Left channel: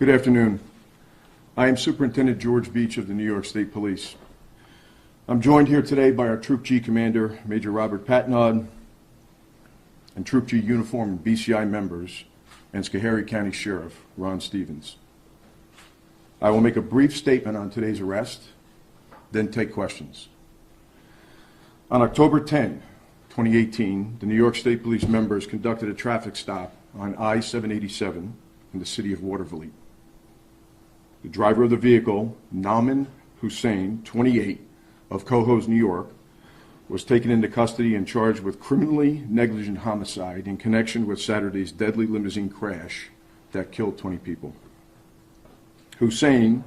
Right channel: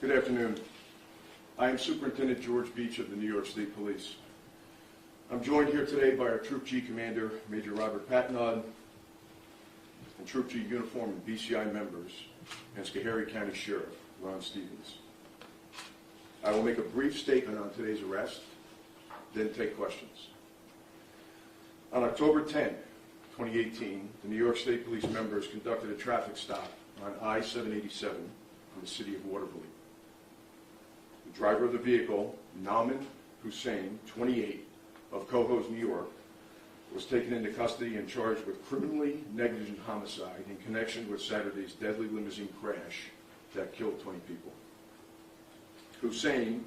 Good afternoon. I am Superintendent George Beach of the New York State Police. I'm joined here today by our Troop G Commander, Major Robert Patnod, and Troop G uniform and BCI members, and Schoharie County Sheriff Ron Stevens. I will make a brief statement on today's arrest, then take questions. On October 10, 2018, the New York State Police members conducted a traffic stop on I-787 in the city of Waterville. The driver of the vehicle, Nauman Hussain, 28, of Cohoes, New York, was taken into custody and charged with criminally negligent homicide in connection with Saturday's deadly limousine crash that killed 20 people. Hussain,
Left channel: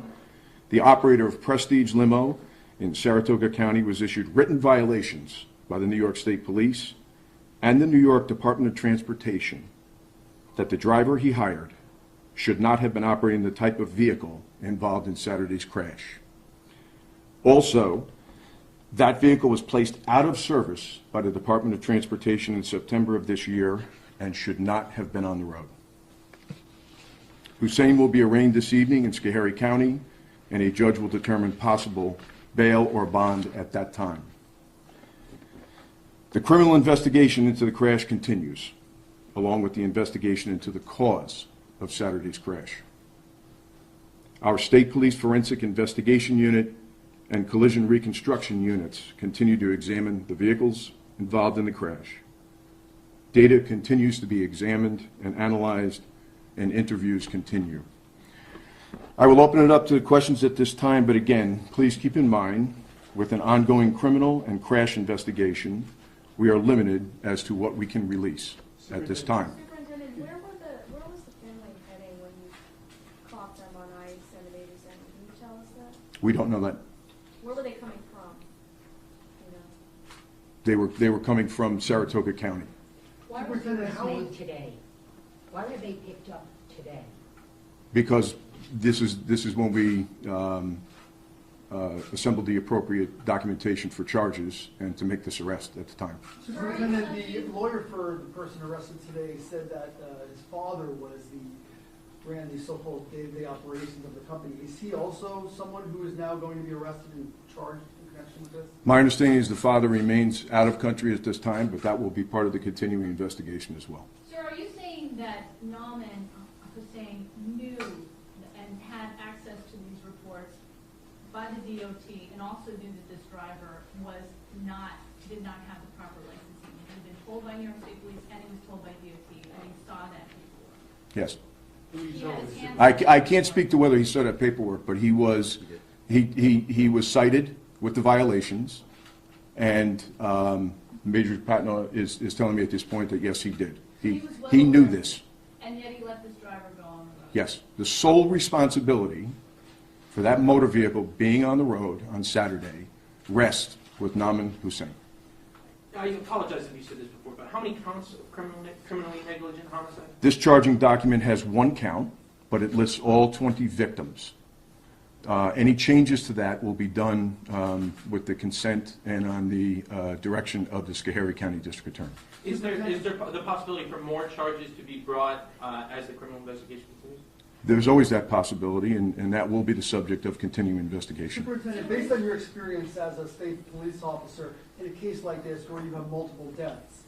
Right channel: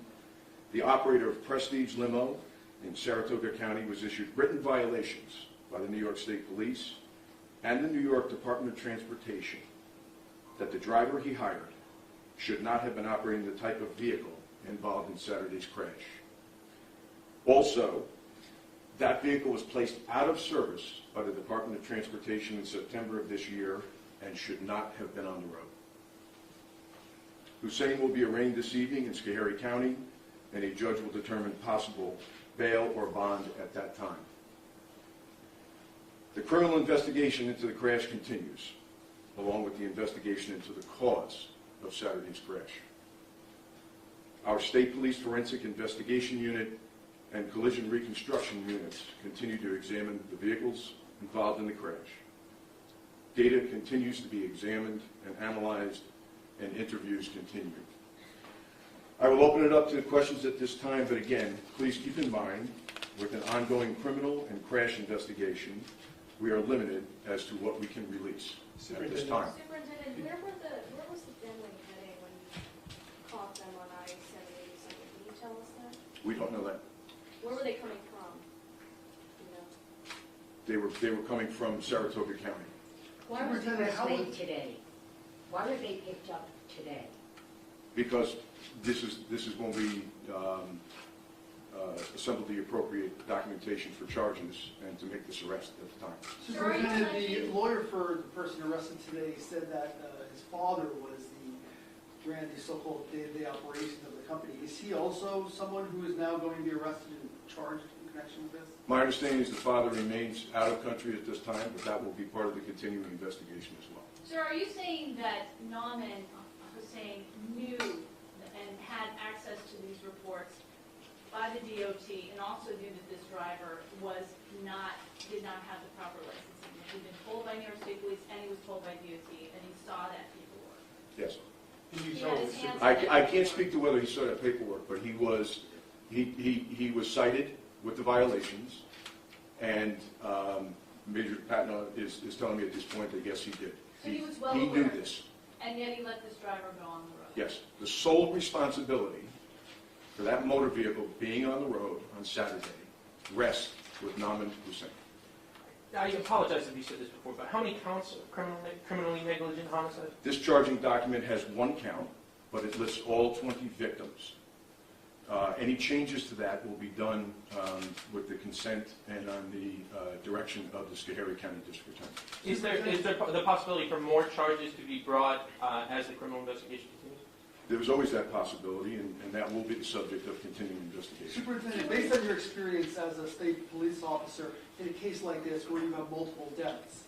the operator of Prestige Limo in Saratoga County, was issued written violations by the New York State Police and the New York Department of Transportation that the driver he hired should not have been operating the type of vehicle involved in Saturday's crash. Also, that vehicle was placed out of service by the Department of Transportation in September of this year and should not have been on the road. Hussain will be arraigned this evening in Schoharie County, and a judge will determine possible bail or bond at that time. The criminal investigation into the crash continues, along with the investigation into the cause of Saturday's crash. Our State Police Forensic Investigation Unit and Collision Reconstruction Units continue to examine the vehicles involved in the crash. Data continues to be examined and analyzed, and interviews continue. I will open it up to questions at this time, but again, please keep in mind, with an ongoing criminal and crash investigation, we are limited as to what we can release at this time. Superintendent, where was the family heading when you caught them on I-787? Can you tell us that? We don't know that. Where were they coming from? You know? They were coming from Saratoga County. Why was the arrest made today? Why were they picked up today? Because this is when we assembled the appropriate documentation for charges and to make this arrest at the time. Superintendent, the lawyer for the person arrested today said that his father ran the so-called day-to-day operations of the company. Is he also someone who is now going to be arrested and charged in connection with this? My understanding is the father remains out of country at this time, but that will be part of the continuing investigation as well. Sir, are you saying that Nauman Hussain knew and had access to these reports by the DOT and also knew that this driver did not have the proper licensing? He had been told by New York State Police and he was told by DOT and he saw that paperwork? Yes. Yeah, I can't speak to whether he saw that paperwork, but he was cited with the violations, and Major Patnod is telling me at this point that yes, he did. He knew this. And yet he let this driver go on the road? Yes. The sole responsibility for that motor vehicle being on the road on Saturday rests with Nauman Hussain. I apologize if you said this before, but how many counts of criminally negligent homicide? This charging document has one count, but it lists all 20 victims. Any changes to that will be done with the consent and on the direction of the Schoharie County District Attorney. Is there the possibility for more charges to be brought as the criminal investigation continues? There's always that possibility, and that will be the subject of continuing investigation. Superintendent, based on your experience as a state police officer, in a case like this where you have multiple deaths,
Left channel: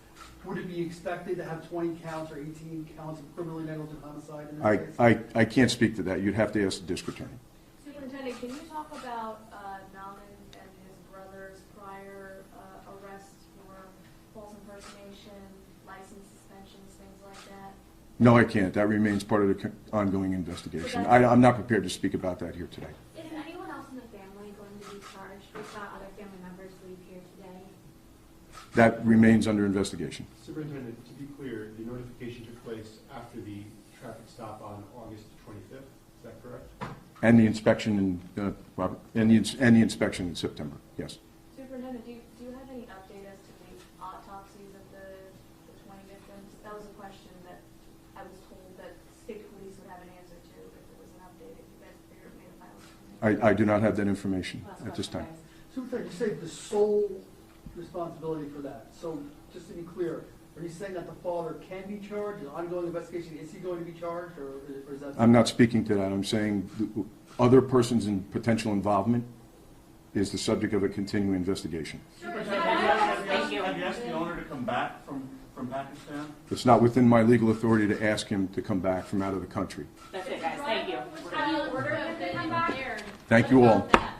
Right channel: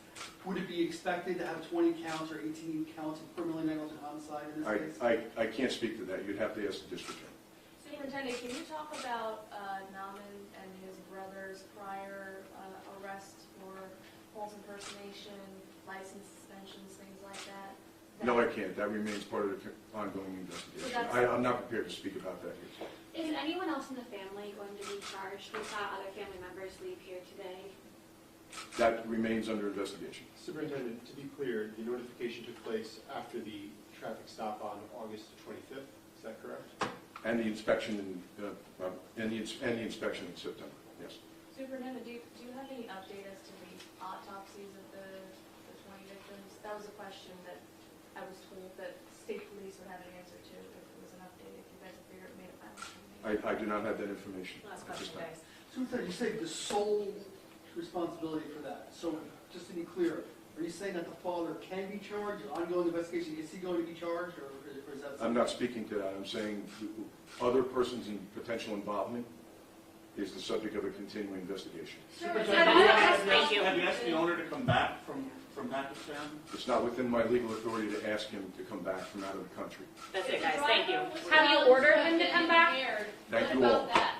would it be expected to have 20 counts or 18 counts of criminally negligent homicide in this case? I can't speak to that. You'd have to ask the district attorney. Superintendent, can you talk about Nauman and his brother's prior arrests for false impersonation, license suspensions, things like that? No, I can't. That remains part of the ongoing investigation. I'm not prepared to speak about that here today. Is anyone else in the family going to be charged? We saw other family members leave here today. That remains under investigation. Superintendent, to be clear, the notification took place after the traffic stop on August 25th. Is that correct? And the inspection and the inspection in September. Yes. Superintendent, do you have any update as to the autopsies of the 20 victims? That was a question that I was told that state police would have an answer to if there was an update. If you guys made a final. I do not have that information at this time. Superintendent, you say the sole responsibility for that. So just to be clear, Are you saying that the father can be charged, an ongoing investigation, is he going to be charged, or is that? I'm not speaking to that. I'm saying other persons in potential involvement is the subject of a continuing investigation. Thank you. Have you asked the owner to come back from Pakistan? It's not within my legal authority to ask him to come back from out of the country. That's it, guys. Thank you. Have you ordered him to come back? Thank you all. What about that?